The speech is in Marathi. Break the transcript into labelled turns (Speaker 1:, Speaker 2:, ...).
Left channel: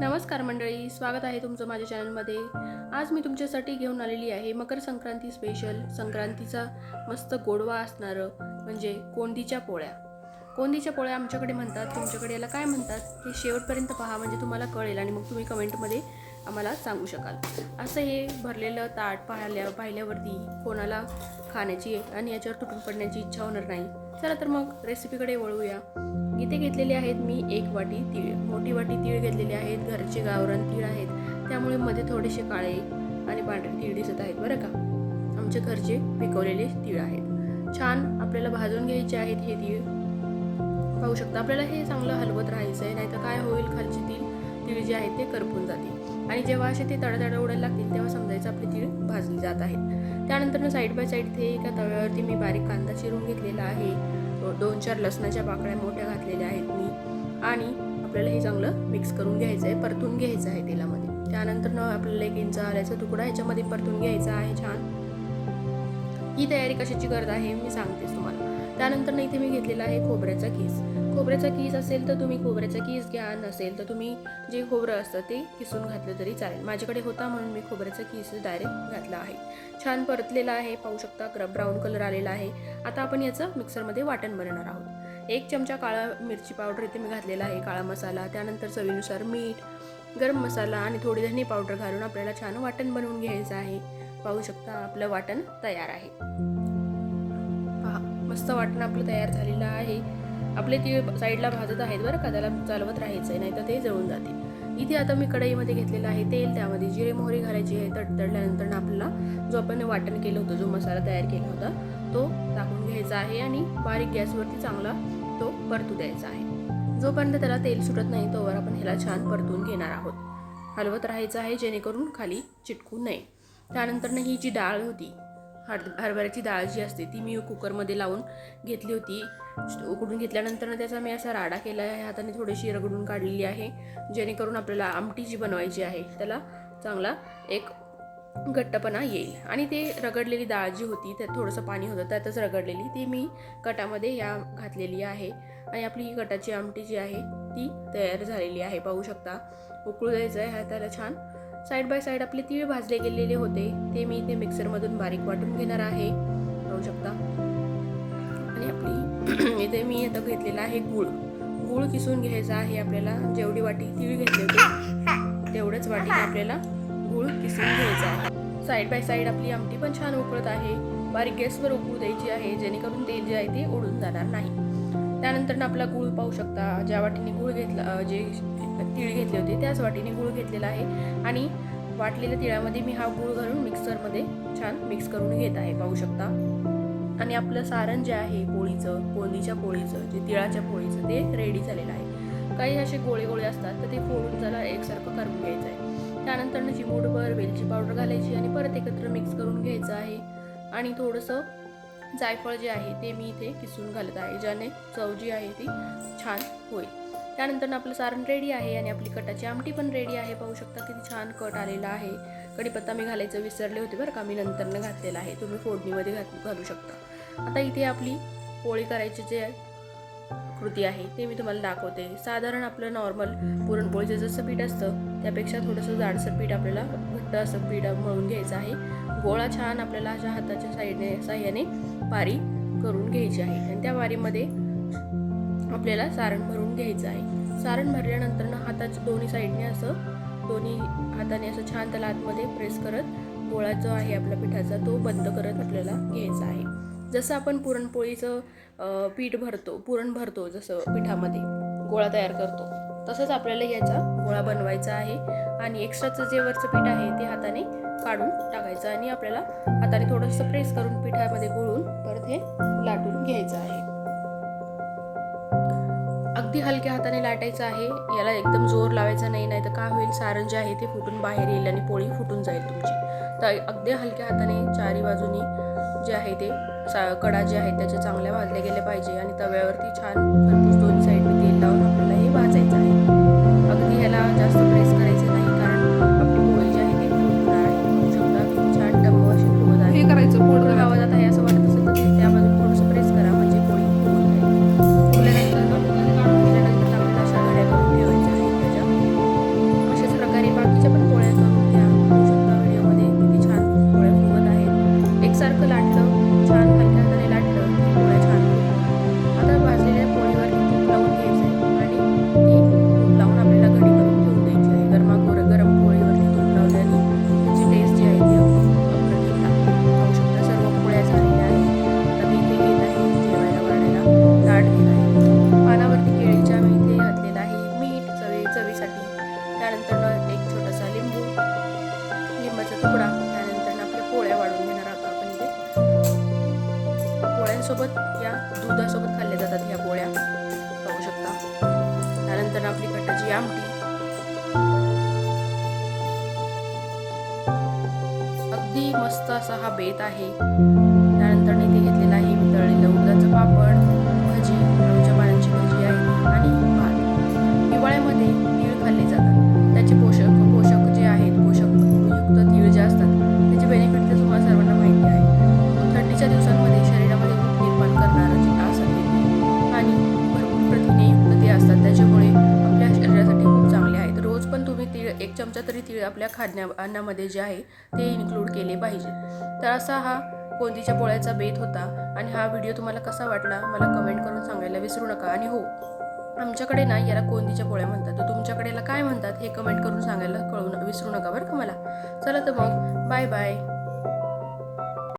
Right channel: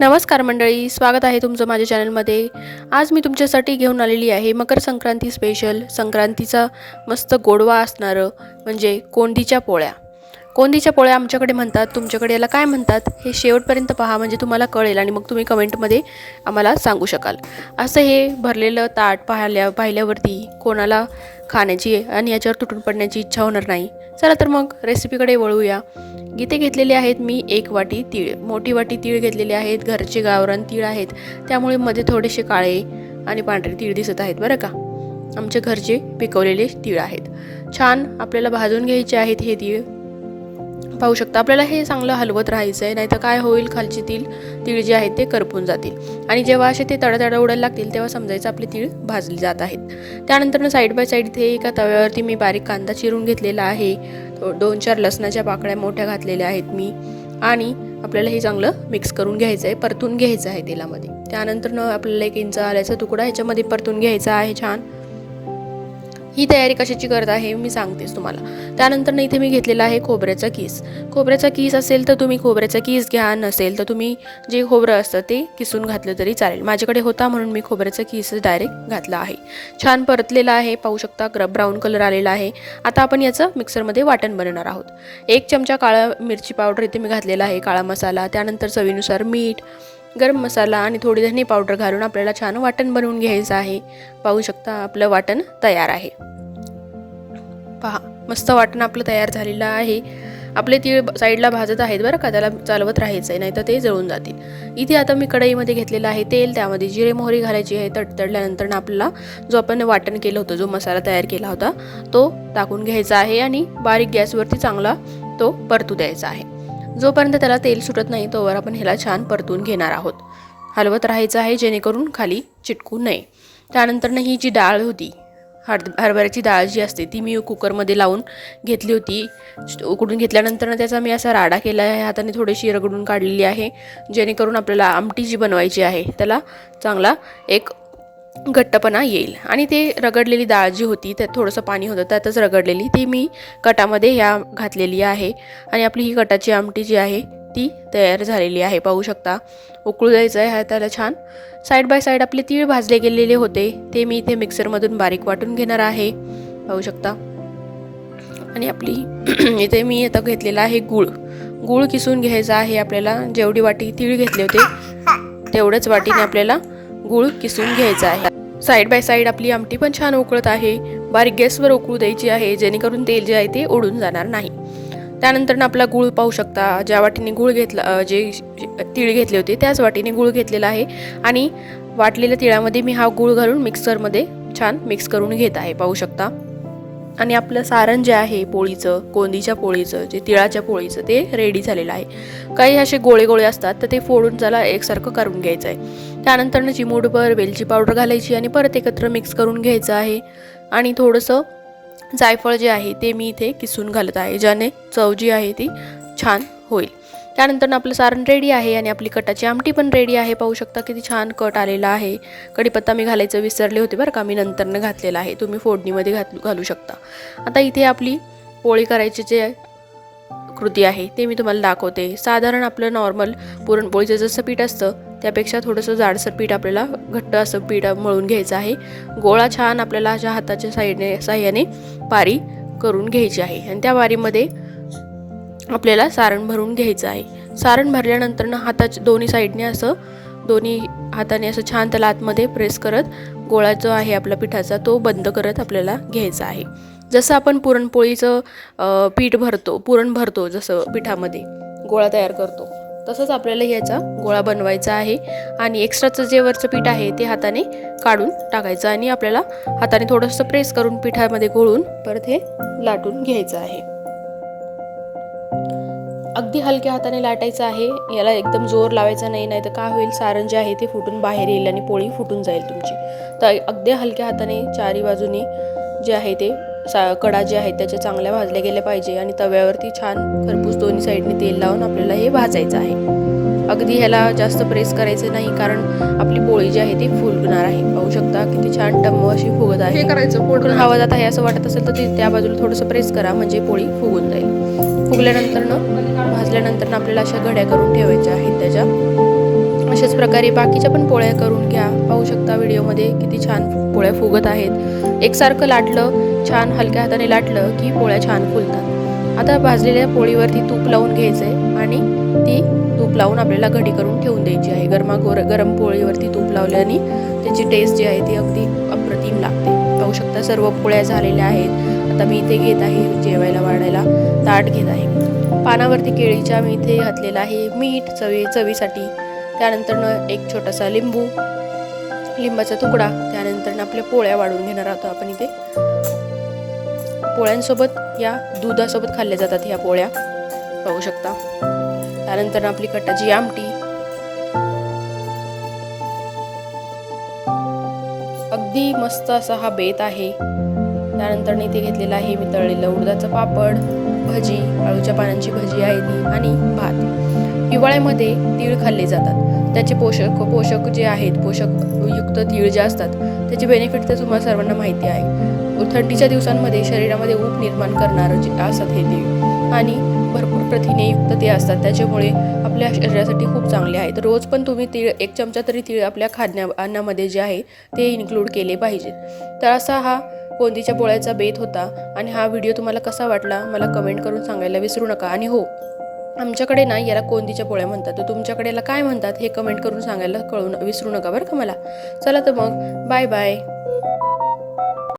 Speaker 1: नमस्कार मंडळी स्वागत आहे तुमचं माझ्या चॅनलमध्ये. आज मी तुमच्यासाठी घेऊन आलेली आहे मकर संक्रांती स्पेशल संक्रांतीचा मस्त गोडवा असणारं म्हणजे कोंडीच्या पोळ्या. कोंडीच्या पोळ्या आमच्याकडे म्हणतात तुमच्याकडे याला काय म्हणतात हे शेवटपर्यंत पहा म्हणजे तुम्हाला कळेल आणि मग तुम्ही कमेंटमध्ये आम्हाला सांगू शकाल. असं हे भरलेलं ताट पाहिल्या पाहिल्यावरती कोणाला खाण्याची आणि याच्यावर तुटून पडण्याची इच्छा होणार नाही. चला तर मग रेसिपीकडे वळूया. इथे घेतलेले आहेत मी एक वाटी तीळ. मोठी वाटी तीळ घेतलेले आहेत. घरचे गावरान तीळ आहेत. त्यामुळे मध्ये थोडेसे काळे आणि पांढरे तीळ दिसत आहेत बरं का? आमच्या घरचे पिकवलेले तीळ आहेत. छान आपल्याला भाजून घ्यायचे आहेत हे तीळ. पाहू शकता. आपल्याला हे चांगलं हलवत राहायचं आहे नाहीतर काय होईल खालची तीळ? तीळ जे आहेत ते करपून जातील. आणि जेव्हा असे ते तडतड उडायला लागतील तेव्हा समजायचं आपले तीळ भाजली जात आहेत त्यानंतर साईड बाय साईड इथे एका तव्यावरती मी बारीक कांदा चिरून घेतलेला आहे. दोन चार लसणाच्या पाकळ्या मोठ्या घातलेल्या आहेत मी. आणि आपल्याला हे चांगलं मिक्स करून घ्यायचं आहे परतून घ्यायचं आहे तेलामध्ये. त्यानंतर आपल्याला एक इंच आल्याचा तुकडा ह्याच्यामध्ये परतून घ्यायचा आहे छान. ही तयारी कशाची करत आहे मी सांगतेच तुम्हाला. त्यानंतर इथे मी घेतलेला आहे खोबऱ्याचा किस. खोबऱ्याचा किस असेल तर तुम्ही खोबऱ्याचा किस घ्या नसेल तर तुम्ही जे खोबरं असतं ते किसून घातलं तरी चालेल. माझ्याकडे होता म्हणून मी खोबऱ्याचा किस डायरेक्ट घातला आहे. छान परतलेला आहे पाहू शकता ग्र ब्राऊन कलर आलेला आहे. आता आपण याचं मिक्सरमध्ये वाटण बनवणार आहोत. एक चमचा काळा मिरची पावडर इथे मी घातलेला आहे काळा मसाला त्यानंतर चवीनुसार मीठ गरम मसाला आणि थोडी धने पावडर घालून आपल्याला छान वाटण बनवून घ्यायचं आहे. पाहू शकता आपलं वाटण तयार आहे. पहा मस्त वाटण आपलं तयार झालेलं आहे. आपले तीळ साईडला भाजत आहेत बरं का त्याला चालवत राहायचं आहे नाही तर ते जळून जातील. इथे आता मी कढईमध्ये घेतलेलं आहे तेल त्यामध्ये जिरे मोहरी घालायची आहे तडतडल्यानंतर आपल्याला जो आपण वाटण केलं होतं जो मसाला तयार केला होता तो टाकून घ्यायचा आहे आणि बारीक गॅसवरती चांगला तो परतू द्यायचा आहे. जोपर्यंत त्याला तेल सुटत नाही तोवर आपण ह्याला छान परतून घेणार आहोत. हलवत राहायचं आहे जेणेकरून खाली चिटकू नये. त्यानंतर ही जी डाळ होती हर हरभऱ्याची डाळ जी असते ती मी कुकरमध्ये लावून घेतली होती. उकडून घेतल्यानंतर त्याचा मी असा राडा केला आहे हाताने थोडीशी रगडून काढलेली आहे जेणेकरून आपल्याला आमटी जी बनवायची आहे त्याला चांगला एक घट्टपणा येईल. आणि ते रगडलेली डाळ जी होती त्यात थोडंसं पाणी होतं त्यातच रगडलेली ती मी कटामध्ये ह्या घातलेली आहे. आणि आपली ही कटाची आमटी जी आहे ती तयार झालेली आहे. पाहू शकता उकळू द्यायचं आहे त्याला छान. साईड बाय साईड आपले तीळ भाजले गेलेले होते ते मी इथे मिक्सरमधून बारीक वाटून घेणार आहे. पाहू शकता. आणि आपली इथे मी आता घेतलेला आहे गूळ. गूळ किसून घ्यायचा आहे आपल्याला. जेवढी वाटी तीळ घेतले होते तेवढंच वाटीने आपल्याला गूळ किसून घ्यायचा आहे. साईड बाय साईड आपली आमटी पण छान उकळत आहे. बारीक गॅसवर उकळू द्यायची आहे जेणेकरून तेल जे आहे ते ओढून जाणार नाही. त्यानंतर आपला गूळ पाहू शकता. ज्या वाटीने गूळ घेतला जे तीळ घेतले होते त्याच वाटीने गूळ घेतलेला आहे. आणि वाटलेल्या तिळामध्ये मी हा गूळ घालून मिक्सरमध्ये छान मिक्स करून घेत आहे. पाहू शकता. आणि आपलं सारण जे आहे पोळीचं कोंदीच्या पोळीचं जे तिळाच्या पोळीचं ते रेडी झालेलं आहे. काही असे गोळे गोळे असतात तर ते फोडून त्याला एकसारखं करून घ्यायचं आहे त्यानंतर चिमूटभर वेलची पावडर घालायची आणि परत एकत्र मिक्स करून घ्यायचं आहे. आणि थोडंसं जायफळ जे आहे ते मी इथे किसून घालत आहे ज्याने चव जी आहे ती छान होईल. त्यानंतर आपलं सारण रेडी आहे आणि आपली कटाची आमटी पण रेडी आहे. पाहू शकता किती छान कट आलेला आहे. कढीपत्ता मी घालायचं विसरले होते बरं का मी नंतरनं घातलेला आहे. तुम्ही फोडणीमध्ये घात घालू शकता. आता इथे आपली पोळी करायची जे कृती आहे ते मी तुम्हाला दाखवते. साधारण आपलं नॉर्मल पुरणपोळीचं जसं पीठ असतं त्यापेक्षा थोडंसं जाडसर पीठ आपल्याला घट्ट असं पीठ मळून घ्यायचं आहे. गोळा छान आपल्याला अशा हाताच्या साईडने साह्याने पारी करून घ्यायची आहे. आणि त्या वारीमध्ये आपल्याला सारण भरून घ्यायचं आहे. सारण भरल्यानंतर ना हाताच्या दोन्ही साईडने असं दोन्ही हाताने असं छान त्याला आतमध्ये प्रेस करत गोळा जो आहे आपला पिठाचा तो बंद करत आपल्याला घ्यायचा आहे. जसं आपण पुरणपोळीचं पीठ भरतो पुरण भरतो जसं पिठामध्ये गोळा तयार करतो तसंच आपल्याला ह्याचा गोळा बनवायचा आहे आणि एक्स्ट्राचं जे वरचं पीठ आहे ते हाताने काढून टाकायचं आणि आपल्याला हाताने थोडंसं प्रेस करून पिठामध्ये गोळून परत हे लाटून घ्यायचं आहे. अगदी हलक्या हाताने लाटायचं आहे. याला एकदम जोर लावायचा नाही नाही तर काय होईल? सारण जे आहे ते फुटून बाहेर येईल आणि पोळी फुटून जाईल तुमची. तर अगदी हलक्या हाताने चारी बाजूनी जे आहे ते सा कडा जे आहेत त्याच्या चांगल्या भाजल्या गेल्या पाहिजे आणि तव्यावरती छान खरपूस दोन्ही साईडने तेल लावून आपल्याला हे भाजायचं आहे. अगदी ह्याला जास्त प्रेस करायचं नाही कारण आपली पोळी जी आहे ती फुलणार आहे. पाहू शकता किती छान टम्म अशी फुगत आहे.
Speaker 2: हे करायचं
Speaker 1: फोडून हवा जात आहे असं वाटत असेल तर ते त्या बाजूला थोडंसं प्रेस करा म्हणजे पोळी फुगून जाईल. फुगल्यानंतर अशा घड्या करून ठेवायच्या आहेत त्याच्या. अशाच प्रकारे बाकीच्या पण पोळ्या करून घ्या. पाहू शकता व्हिडिओमध्ये किती छान पोळ्या फुगत आहेत. एकसारखं लाटलं छान हलक्या हाताने लाटलं की पोळ्या छान फुलतात. आता भाजलेल्या पोळीवरती तूप लावून घ्यायचं आहे आणि ती तूप लावून आपल्याला घडी करून ठेवून द्यायची आहे. गरमा गोर गरम पोळीवरती तूप लावल्याने त्याची टेस्ट जी आहे ती अगदी अप्रतिम लागते. पाहू शकता सर्व पोळ्या झालेल्या आहेत. आता मी इथे घेत आहे जेवायला वाढायला. ताट घेत आहे. पानावरती केळीच्या मी इथे घातलेला आहे. मीठ चवी चवीसाठी. त्यानंतर एक छोटासा लिंबू. लिंबाचा तुकडा. त्यानंतर आपल्या पोळ्या वाढून घेणार आहोत आपण इथे. पोळ्यांसोबत या दुधासोबत खाल्ल्या जातात ह्या पोळ्या. पाहू शकता. त्यानंतर आपली कटाची आमटी. अगदी मस्त असा हा बेत आहे. त्यानंतर इथे घेतलेला आहे मी तळलेलं उडदाचं पापड. भाजी आळूच्या पानांची भाजी आहे आणि भात हिवाळ्यामध्ये तीळ खाल्ले जातात. त्याचे पोषक पोषक जे आहेत पोषक युक्त तीळ जे असतात त्याचे बेनिफिट तर तुम्हाला सर्वांना माहिती आहे. थंडीच्या दिवसांमध्ये शरीरामध्ये ऊब निर्माण करणारं जे असतात हे तीळ आणि भरपूर प्रथिनेयुक्त ते असतात. त्याच्यामुळे आपल्या शरीरासाठी खूप चांगले आहेत रोज पण तुम्ही तीळ एक चमचा तरी तीळ आपल्या खाद्या अन्नामध्ये जे आहे ते इन्क्लूड केले पाहिजेत तर असा हा कोंदीच्या पोळ्याचा बेत होता आणि हा व्हिडिओ तुम्हाला कसा वाटला मला कमेंट करून सांगायला विसरू नका. आणि हो आमच्याकडे ना याला कोंदीच्या पोळ्या म्हणतात. तर तुमच्याकडे याला काय म्हणतात हे कमेंट करून सांगायला कळून विसरू नका बरं का मला? चला तर मग बाय बाय